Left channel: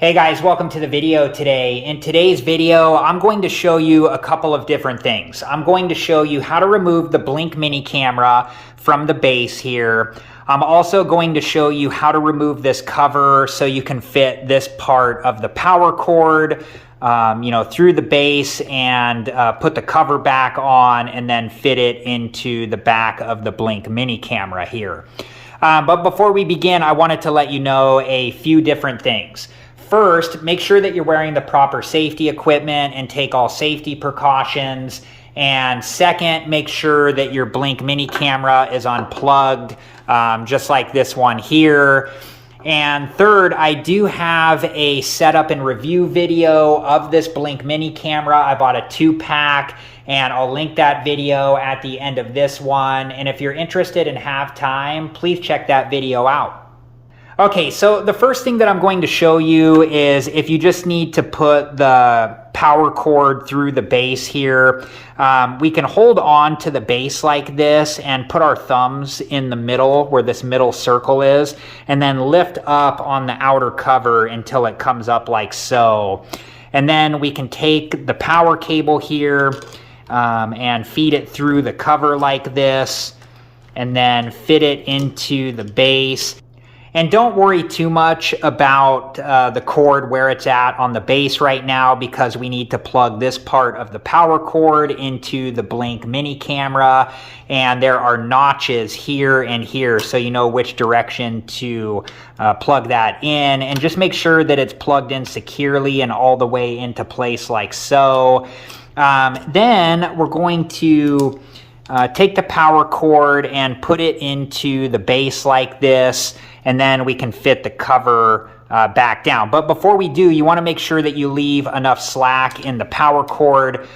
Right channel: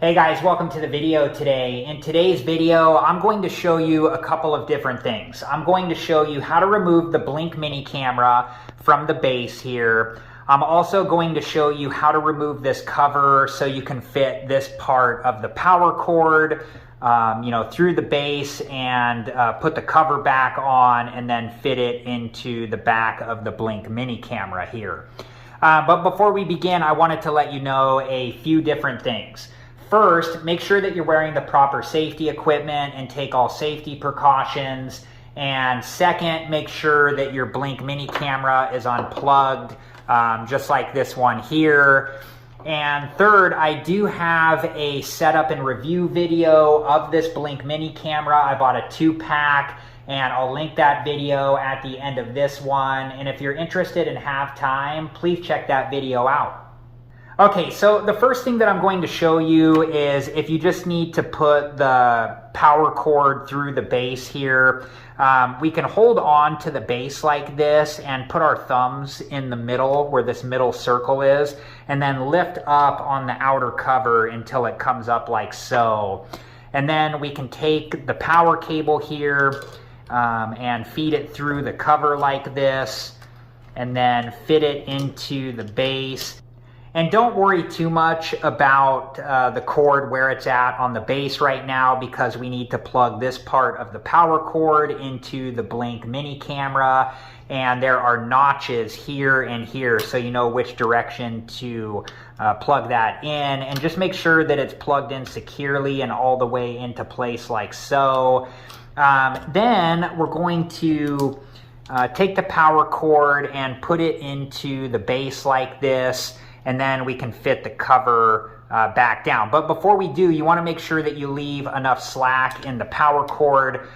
Hey guys, welcome to the video today. In today's video, I'm going to show you a couple of different things. I'm going to show you how to remove the Blink Mini camera from the base here. I'm also going to show you how to remove this cover so you can fit this part of the power cord through the base and put the cover back on and then fit it into the back of the Blink Mini camera here. But before we begin, I wanted to let you know a few different things. First, make sure that you're wearing the proper safety equipment and take all safety precautions. And second, make sure that your Blink Mini camera is unplugged, just like this one here. And third, I do have a setup and review video of this Blink Mini camera. I bought a 2-pack, and I'll link that video at the end of this one. And if you're interested and have time, please check that video out. Okay, so the first thing that I'm going to show you is if you just need to put the power cord through the base here, we can hold on to the base like this and put our thumbs in the middle where this middle circle is, and then lift up on the outer cover until it comes up like so. And then we can take the power cable here and feed it through the cover like this, and then fit it into the base. And don't worry too much about the cord where it's at on the base right now, because we need to plug this part of the power cord into the Blink Mini camera, and there are notches here and here so you know which direction to plug that in, and just make sure that it's plugged in securely and all the way into place like so. Then we're going to take the power cord and put it into the base like this, and then we can fit the cover back down. But before we do, you want to make sure that you leave enough slack in the power cord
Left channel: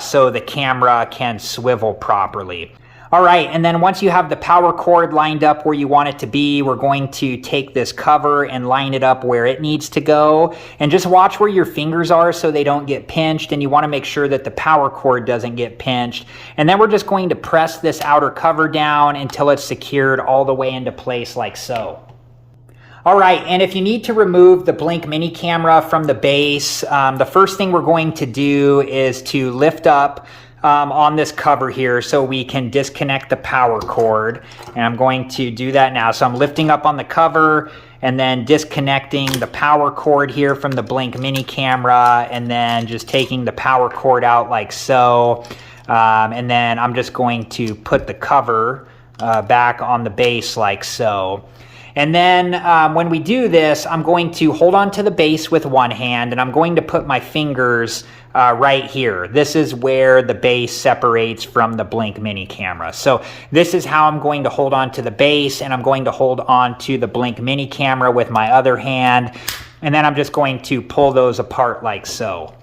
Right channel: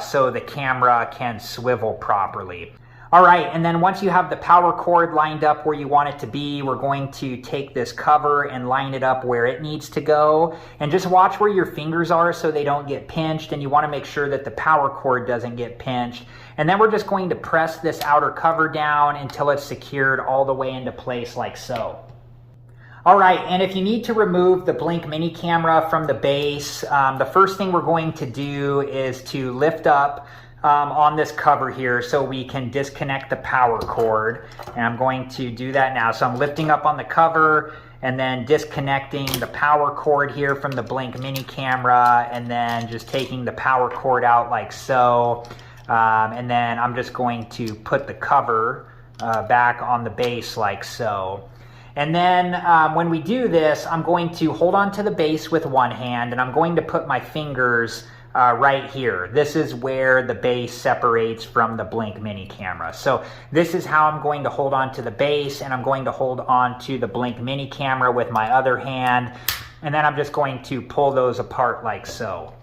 so the camera can swivel properly. All right, and then once you have the power cord lined up where you want it to be, we're going to take this cover and line it up where it needs to go. And just watch where your fingers are so they don't get pinched, and you want to make sure that the power cord doesn't get pinched. And then we're just going to press this outer cover down until it's secured all the way into place like so. All right, and if you need to remove the Blink Mini camera from the base, the first thing we're going to do is to lift up on this cover here so we can disconnect the power cord. And I'm going to do that now. So I'm lifting up on the cover and then disconnecting the power cord here from the Blink Mini camera, and then just taking the power cord out like so. And then I'm just going to put the cover back on the base like so. And then when we do this, I'm going to hold on to the base with one hand, and I'm going to put my fingers right here. This is where the base separates from the Blink Mini camera. So this is how I'm going to hold on to the base, and I'm going to hold on to the Blink Mini camera with my other hand. And then I'm just going to pull those apart like so.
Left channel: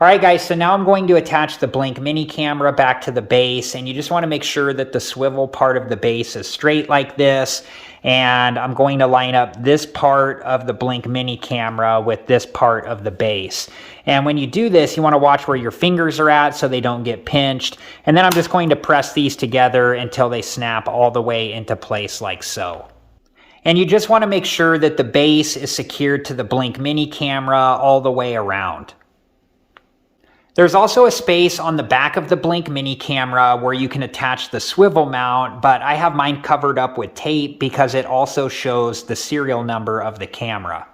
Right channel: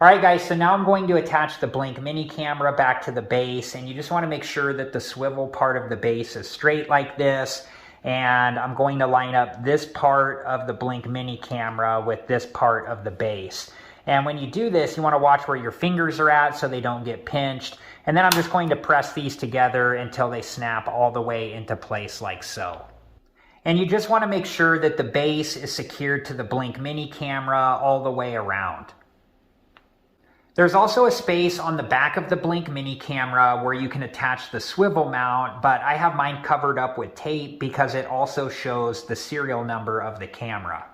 All right, guys, so now I'm going to attach the Blink Mini camera back to the base, and you just want to make sure that the swivel part of the base is straight like this. And I'm going to line up this part of the Blink Mini camera with this part of the base. And when you do this, you want to watch where your fingers are at so they don't get pinched. And then I'm just going to press these together until they snap all the way into place like so. And you just want to make sure that the base is secured to the Blink Mini camera all the way around. There's also a space on the back of the Blink Mini camera where you can attach the swivel mount, but I have mine covered up with tape because it also shows the serial number of the camera.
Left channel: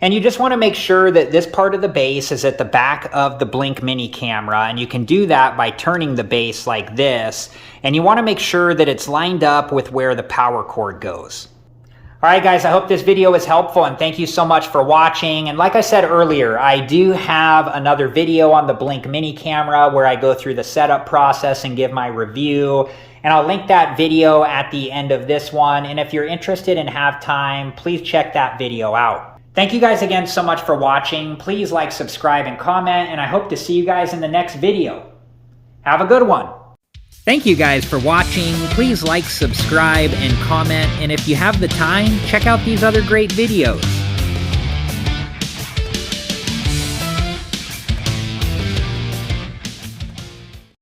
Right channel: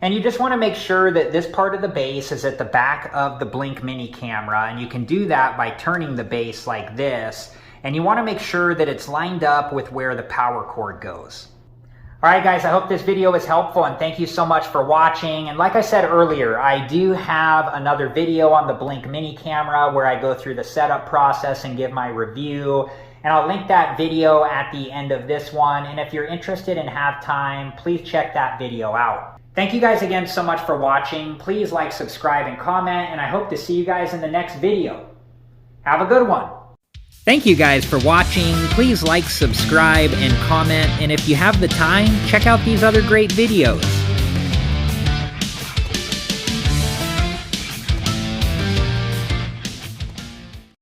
And you just want to make sure that this part of the base is at the back of the Blink Mini camera, and you can do that by turning the base like this. And you want to make sure that it's lined up with where the power cord goes. All right, guys, I hope this video was helpful, and thank you so much for watching. And like I said earlier, I do have another video on the Blink Mini camera where I go through the setup process and give my review. And I'll link that video at the end of this one. And if you're interested and have time, please check that video out. Thank you guys again so much for watching. Please like, subscribe, and comment, and I hope to see you guys in the next video. Have a good one. Thank you guys for watching. Please like, subscribe, and comment. And if you have the time, check out these other great videos.